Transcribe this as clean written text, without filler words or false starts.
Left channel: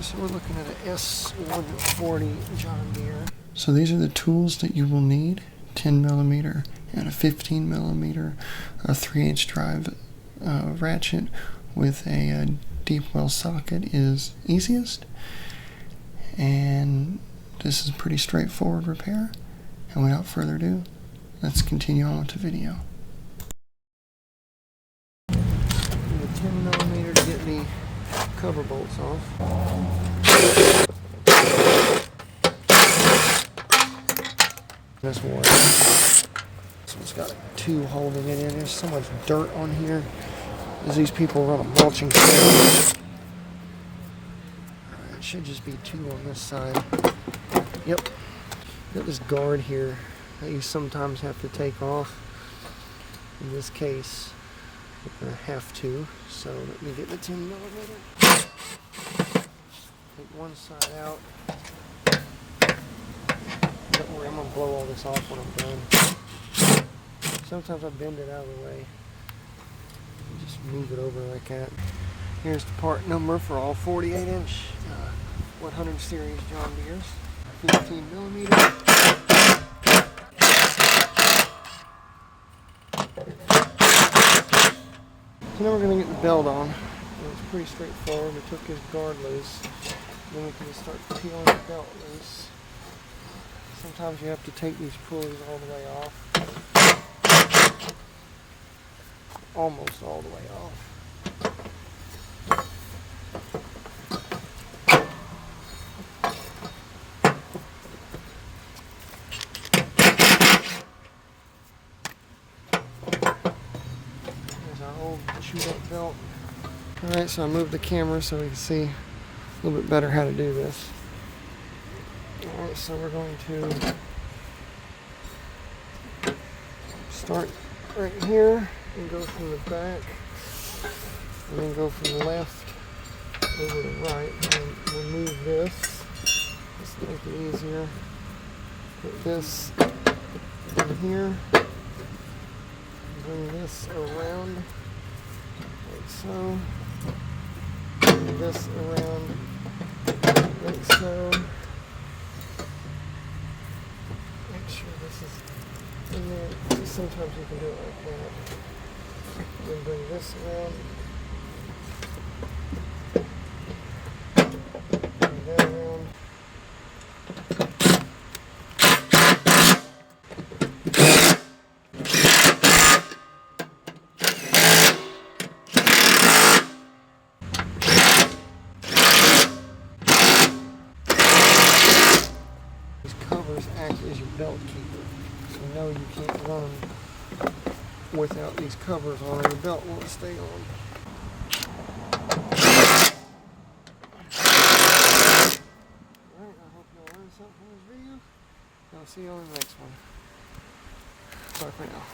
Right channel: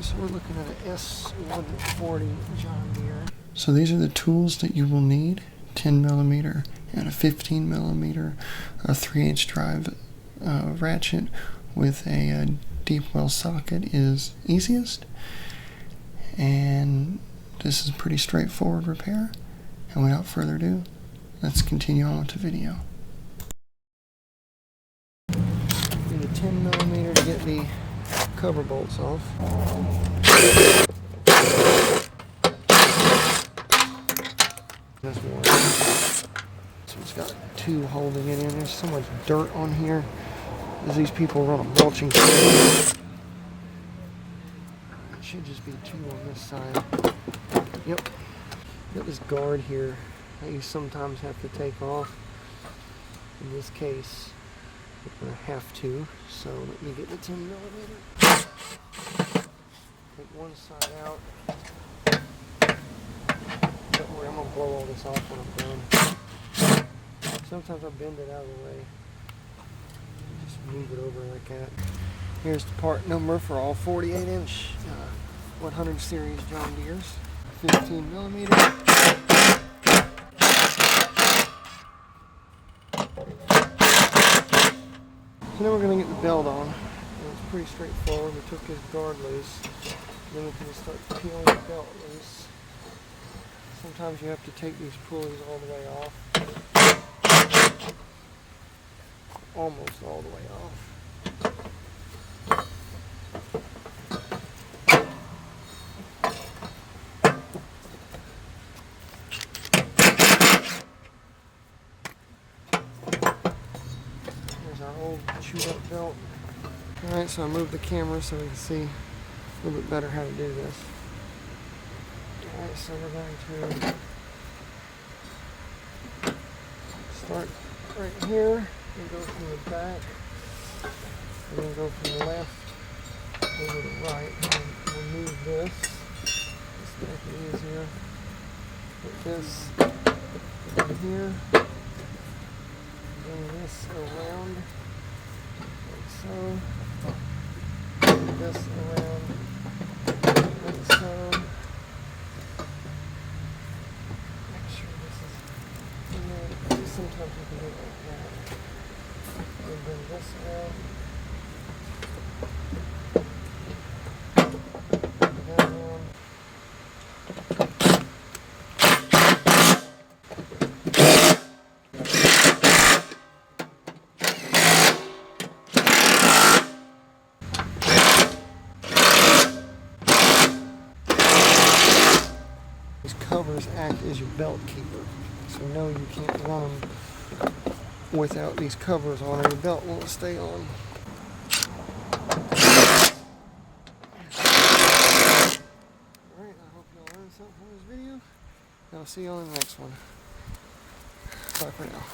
So we're looking at an S140 John Deere. So these are the tools that you will need: 10mm and a 15mm, a 3/8 drive ratchet with a deep well socket is easiest, and this is a pretty straightforward repair. And without further ado, let's continue on with the video. Need a 10mm to get the cover bolts off. This one. This one's got two holding it in. There's so much dirt on here as these people run a mulching trailer. It should just be two on this side. Yep. Got this guard here that you sometimes have to take off. In this case, I have to. So let me get the 10mm. Take one side out. Don't worry, I'm going to blow all this off when I'm done. Sometimes I bend it out of the way. Just move it over like that. Here's the part number for all 48-inch 100 series John Deere's. 15mm. So now we're going to get the belt on. It's pretty straightforward. We took his guard loose. Then we can just start peeling the belt loose. Sometimes you have to take these pulleys all the way off. Almost all the way off. Here's our old chewed up belt. Alright, so I moved the camera so we can see a little bit better how to do this. Alright, so we're going to start right here and go from the back, and then go from the left over to the right, and remove this. Just to make it easier. Put this in here, bring this around, like so, bring this around, like so. Sometimes you can do it like that. Then bring this around. Bring that around. These covers act as your belt keeper. So no, you can't run without these covers on, and the belt won't stay on. Alright, I hope y'all learned something from this video. I'll see you on the next one. Bye for now.